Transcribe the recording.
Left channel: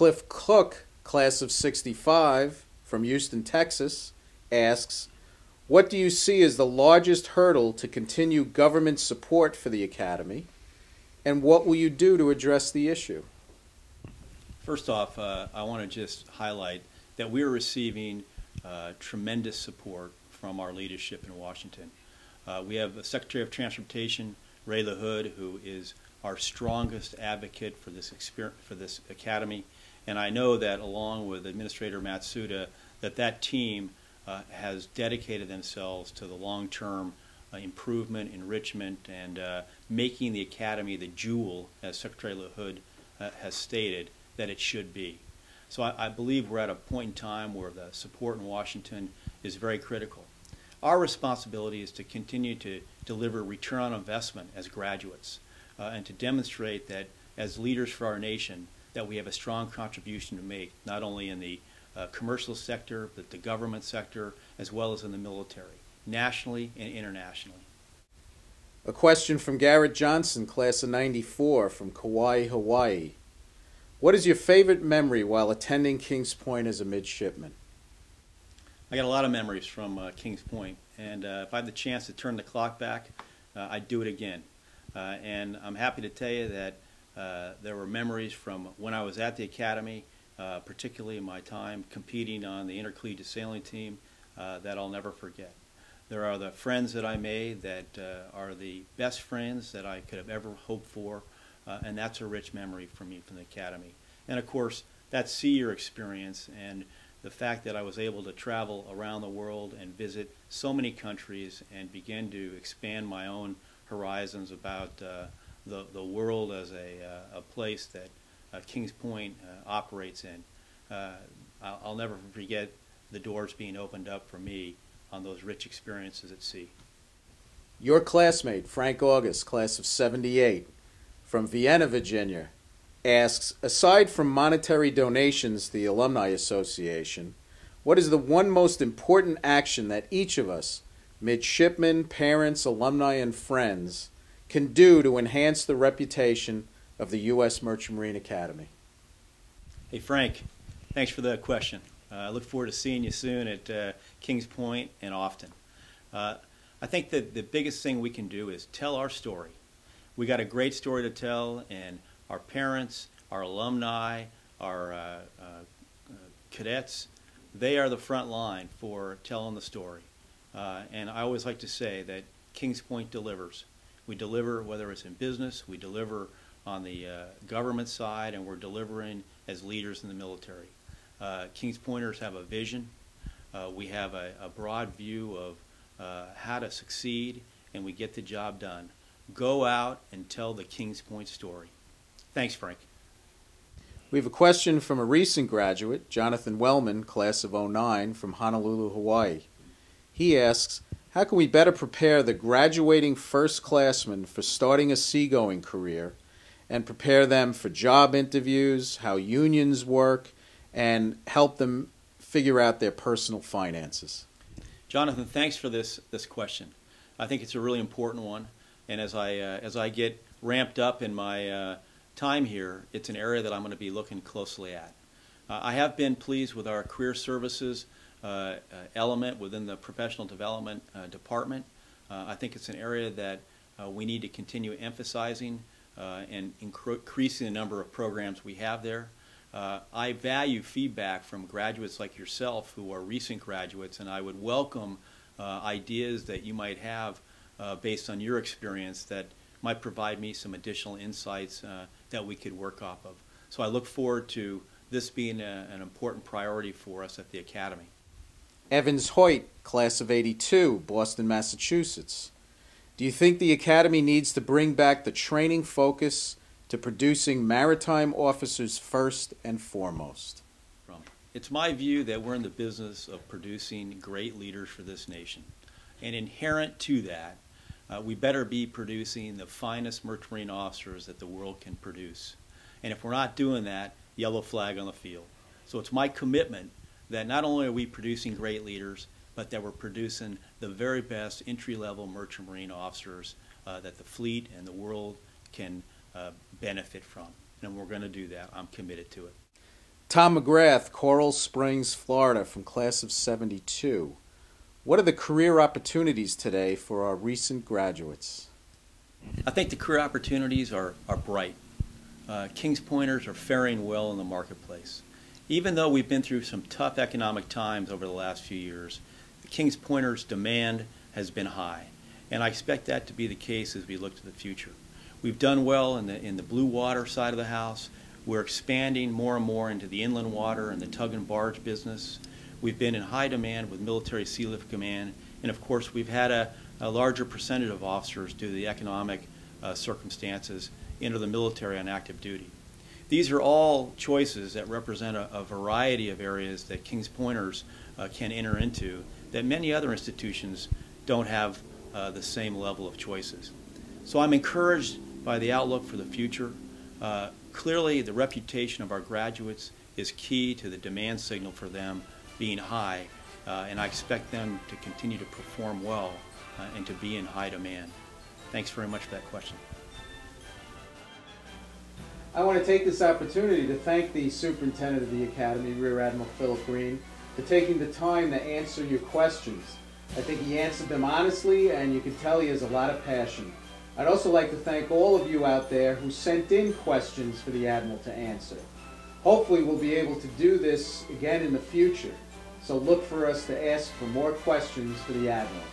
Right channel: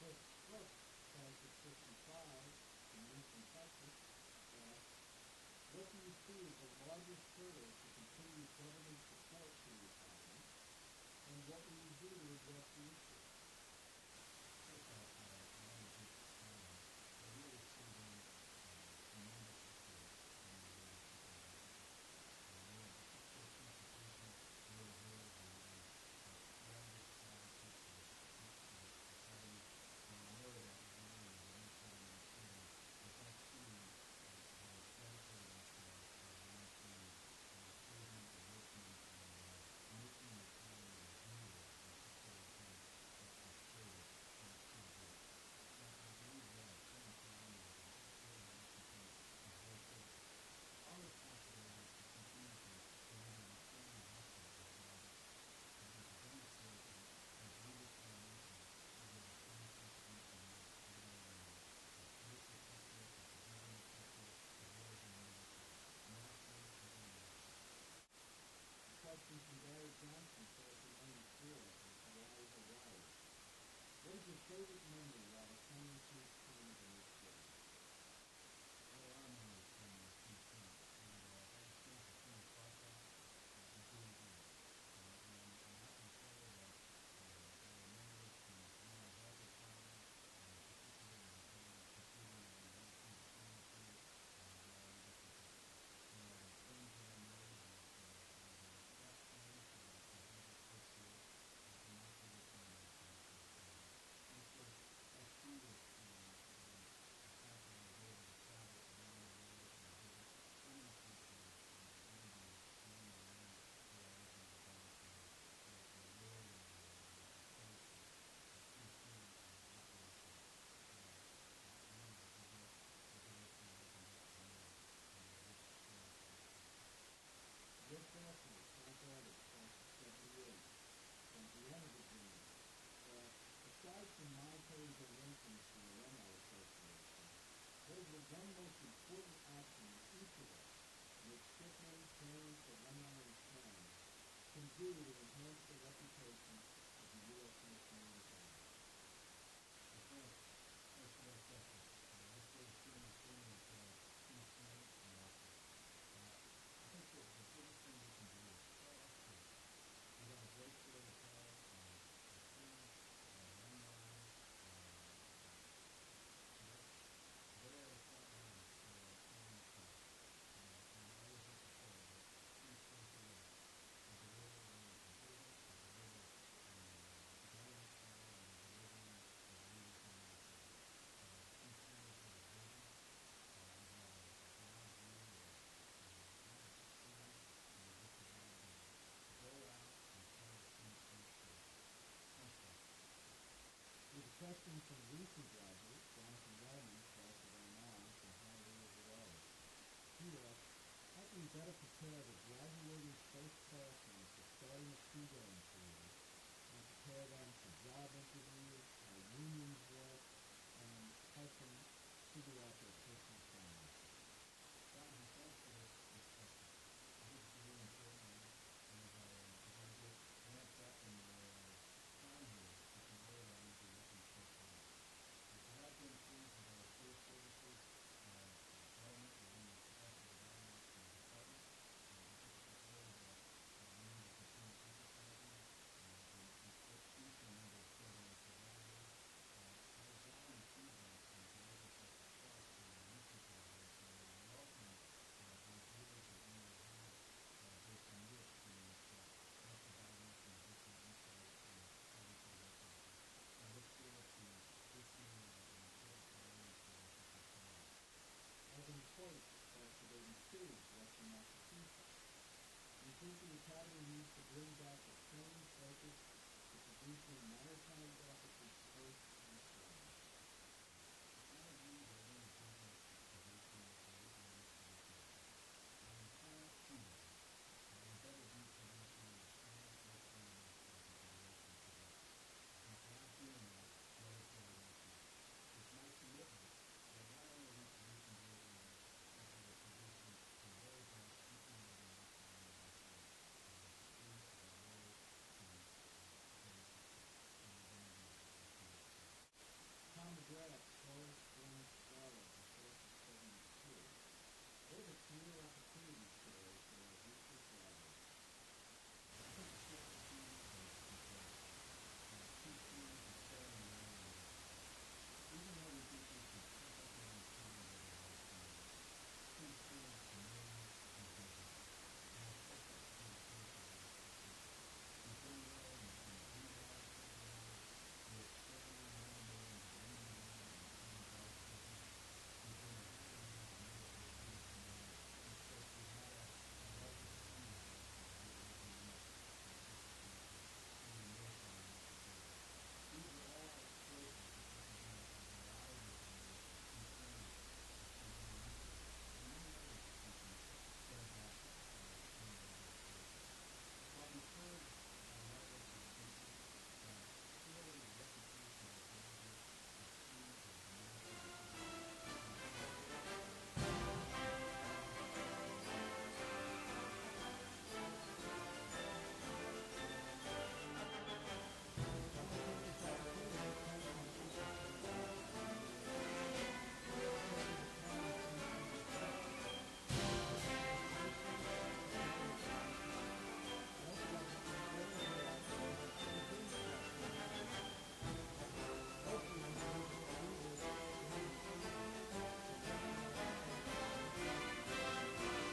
Cliff Cook, class of 65, from Houston, Texas, asks, what do you see as the largest hurdle to continue government support for the Academy, and what will you do to address the issue? First off, I want to just highlight that we're receiving tremendous support from our leadership in Washington. We have the Secretary of Transportation, Ray LaHood, who is our strongest advocate for this Academy, and I know that along with Administrator Matsuda, that team has dedicated themselves to the long-term improvement, enrichment, and making the Academy the jewel, as Secretary LaHood has stated, that it should be. So I believe we're at a point in time where the support in Washington is very critical. Our responsibility is to continue to deliver return on investment as graduates and to demonstrate that as leaders for our nation that we have a strong contribution to make, not only in the commercial sector, but the government sector, as well as in the military, nationally and internationally. A question from Garrett Johnson, class of 94, from Kauai, Hawaii. What is your favorite memory while attending Kings Point as a midshipman? I got a lot of memories from Kings Point, and if I had the chance to turn the clock back, I'd do it again. And I'm happy to tell you that there were memories from when I was at the Academy, particularly in my time competing on the intercollegiate sailing team, that I'll never forget. There are the friends that I made that are the best friends that I could have ever hoped for, and that's a rich memory for me from the Academy. And of course, that sea-year experience and the fact that I was able to travel around the world and visit so many countries and begin to expand my own horizons about the world as a place that Kings Point operates in. I'll never forget the doors being opened up for me on those rich experiences at sea. Your classmate, Frank August, class of 78, from Vienna, Virginia, asks, aside from monetary donations to the Alumni Association, what is the one most important action that each of us, midshipmen, parents, alumni, and friends, can do to enhance the reputation of the U.S. Merchant Marine Academy? Hey, Frank, thanks for that question. I look forward to seeing you soon at Kings Point and often. I think that the biggest thing we can do is tell our story. We got a great story to tell, and our parents, our alumni, our cadets, they are the front line for telling the story. And I always like to say that Kings Point delivers. We deliver whether it's in business, we deliver on the government side, and we're delivering as leaders in the military. Kings Pointers have a vision. We have a broad view of how to succeed, and we get the job done. Go out and tell the Kings Point story. Thanks, Frank. We have a question from a recent graduate, Jonathon Wellman, class of 09, from Honolulu, Hawaii. He asks, how can we better prepare the graduating first-classmen for starting a seagoing career and prepare them for job interviews, how unions work, and help them figure out their personal finances? Jonathan, thanks for this question. I think it's a really important one, and as I get ramped up in my time here, it's an area that I'm going to be looking closely at. I have been pleased with our career services element within the professional development department. I think it's an area that we need to continue emphasizing and increasing the number of programs we have there. I value feedback from graduates like yourself who are recent graduates, and I would welcome ideas that you might have based on your experience that might provide me some additional insights that we could work off of. So I look forward to this being an important priority for us at the Academy. Evans Hoyt, class of 82, Boston, Massachusetts. Do you think the Academy needs to bring back the training focus to producing maritime officers first and foremost? It's my view that we're in the business of producing great leaders for this nation. And inherent to that, we better be producing the finest merchant marine officers that the world can produce. And if we're not doing that, yellow flag on the field. So it's my commitment that not only are we producing great leaders, but that we're producing the very best entry-level merchant marine officers that the fleet and the world can benefit from. And we're going to do that. I'm committed to it. Tom McGrath, Coral Springs, Florida, from class of 72. What are the career opportunities today for our recent graduates? I think the career opportunities are bright. Kings Pointers are faring well in the marketplace. Even though we've been through some tough economic times over the last few years, the Kings Pointers' demand has been high, and I expect that to be the case as we look to the future. We've done well in the blue water side of the house. We're expanding more and more into the inland water and the tug and barge business. We've been in high demand with Military Sea Lift Command, and of course we've had a larger percentage of officers due to the economic circumstances enter the military on active duty. These are all choices that represent a variety of areas that Kings Pointers can enter into that many other institutions don't have the same level of choices. So I'm encouraged by the outlook for the future. Clearly, the reputation of our graduates is key to the demand signal for them being high, and I expect them to continue to perform well and to be in high demand. Thanks very much for that question. I want to take this opportunity to thank the Superintendent of the Academy, Rear Admiral Philip Green, for taking the time to answer your questions. I think he answered them honestly, and you can tell he has a lot of passion. I'd also like to thank all of you out there who sent in questions for the Admiral to answer. Hopefully we'll be able to do this again in the future, so look for us to ask for more questions for the Admiral.